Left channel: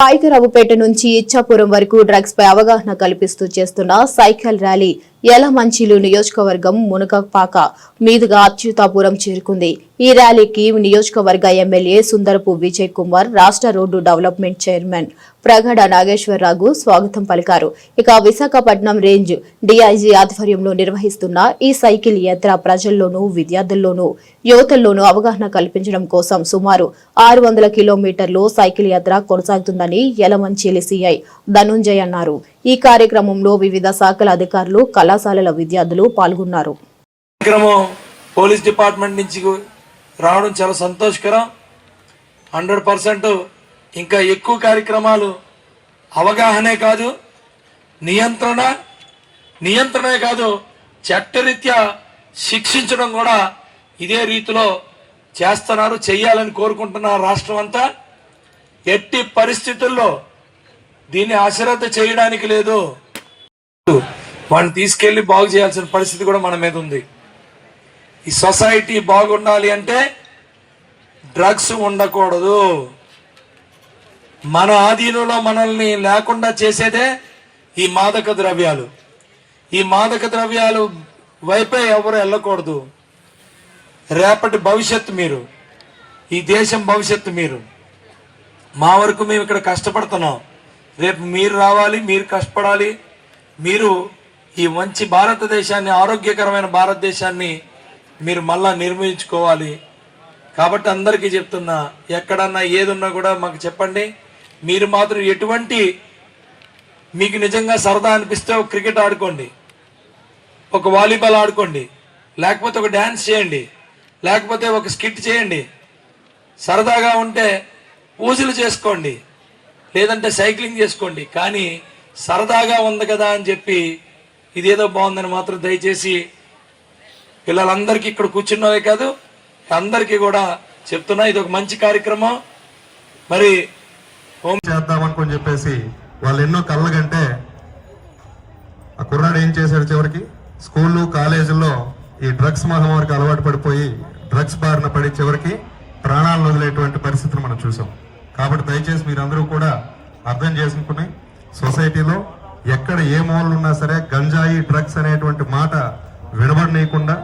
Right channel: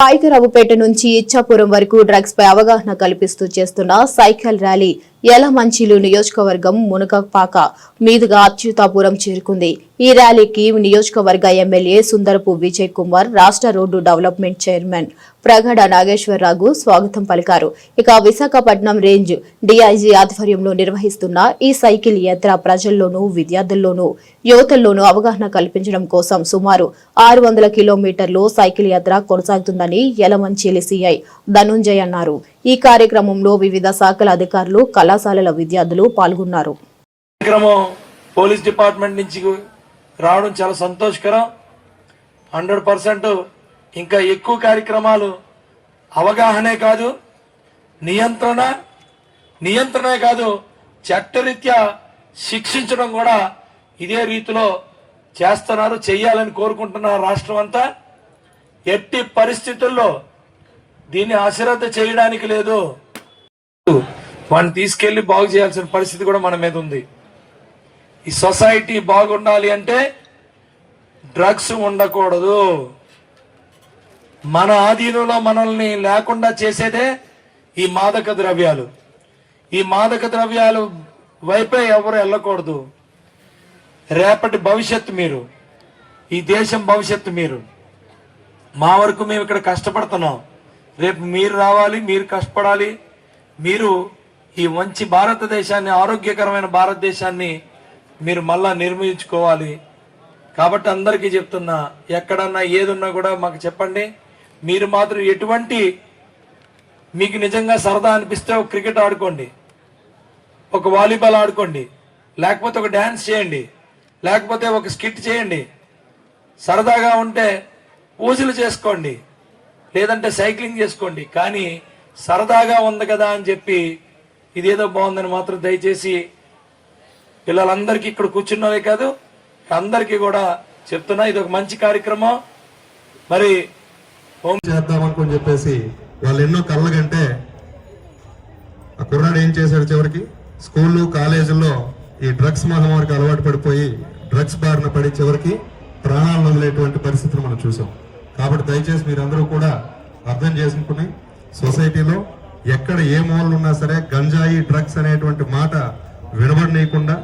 పాయికరావుపేట నుంచి ఇచ్చాపురం వరకు డ్రగ్స్ పై అవగాహన కల్పిస్తూ చేస్తున్న సైకిల్ ర్యాలీ యలమంచిలు నియోజకవర్గం మునగపాక మీదుగా అచ్యుతాపురం చేరుకుంది. ఈ ర్యాలీకి నియోజకవర్గ ఎమ్మెల్యే సుందరపు విజయ్ కుమార్ రాష్ట్ర road development chairman Pragada Nageswararao స్వాగతం పలికారు. ఇక విశాఖపట్నం రేంజ్ డిఐజీ ఆధ్వర్యంలో నిర్వహిస్తున్న ఈ సైకిల్ యాత్ర ప్రజల్లోనూ విద్యార్థుల్లోనూ యువతల్లోనూ అవగాహన కల్పించడం కోసం సుమారు ఆరు వందల కిలోమీటర్లు సైకిల్ యాత్ర కొనసాగుతుందని యలమంచిలి సిఐ ధనుంజయ్ అన్నారు. ఈ కార్యక్రమంలో వివిధ శాఖల అధికారులు కళాశాలల విద్యార్థులు పాల్గొన్నారు. కార్యక్రమం పోలీస్ డిపార్ట్మెంట్ నుంచి రావడం చాలా సంతోషకరం. హండ్రెడ్ పర్సెంట్ ఇంకా ఎక్కువ కార్యక్రమాలు అవగాహనే కాదు నియంత్రణ నియంత్రణే కాదు చట్టరీత్యా శిక్షించడం కూడా ఇదే రీతిలో చేస్తున్నారు చేయాలని కోరుకుంటున్నారు రాష్ట్రం అంతా. ఎట్టి పరిస్థితుల్లో దీన్ని అశ్రద్ధ చేయడానికి లేదు. వాడిని తీసుకెళ్ళి బాగు చేయాల్సిన పరిస్థితి కూడా మన మీద ఉంది. ఈ సొసైటీ బాగుండాలి అంటే డ్రగ్స్ ఉండకూడదు. మన ఆధీనంలో మనల్ని లేకుండా చేసేదే ఈ మాదక ద్రవ్యాలు. ఈ మాదక ద్రవ్యాలు వైపే ఎవరు వెళ్ళకూడదు. రేపటి భవిష్యత్తు మీరు ఈ దేశం భవిష్యత్తు మీరు. మా వరకు మేము ఇక్కడ కష్టపడుతున్నాం. రేపు మీరు రావాలి మీరు కష్టపడాలి. మీరు ఈ మంచి భారతదేశాన్ని ఆరోగ్యకరమైన భారతదేశాన్ని మీరు మళ్ళా నిర్మించుకోవాలి. కాబట్టి అందరికీ చెప్తున్నా ఎక్కడన్నా ఏదున్నా కూడా మాకు చెప్పండి. మీరు మాత్రం ఎటువంటి మీకు నిజంగా సరదా అనిపిస్తే ఒక క్రికెట్ ఆడుకోండి. ఒక వాలీబాల్ ఆడుకోండి. లేకపోతే ఒక డ్యాన్స్ చేయండి. లేకపోతే ఒక స్కిట్ చేయండి. సరదాగా ఉంటే పూజలు చేసుకోండి. లేదంటే సైక్లింగ్ చేసుకోండి కానీ సరదాగా ఉంది కదా అని చెప్పి ఇదేదో బాగుందని మాత్రం దయచేసి పిల్లలందరికీ ఇక్కడ కూర్చున్నవే కాదు అందరికీ కూడా చెప్తున్నా ఇది ఒక మంచి కార్యక్రమం. మరి చేద్దామనుకొని చెప్పేసి వాళ్ళు ఎన్నో కళ్ళ కంటే ఆ కుర్రాడు ఏం చేశాడు చివరికి? స్కూళ్ళు కాలేజీల్లో ఈ డ్రగ్స్ మహమ్మారికి అలవాటు పడిపోయి డ్రగ్స్ బారిన పడి చివరికి ప్రాణాలను వదిలేటువంటి పరిస్థితిని మనం చూసాం. కాబట్టి దయచేసి మీరందరూ కూడా అర్థం చేసుకుని సొసైటీలో ఎక్కడ ఏ మూలలు ఉన్నా సరే గంజాయి డ్రగ్స్ అనేటువంటి మాట వినబడనీయకుండా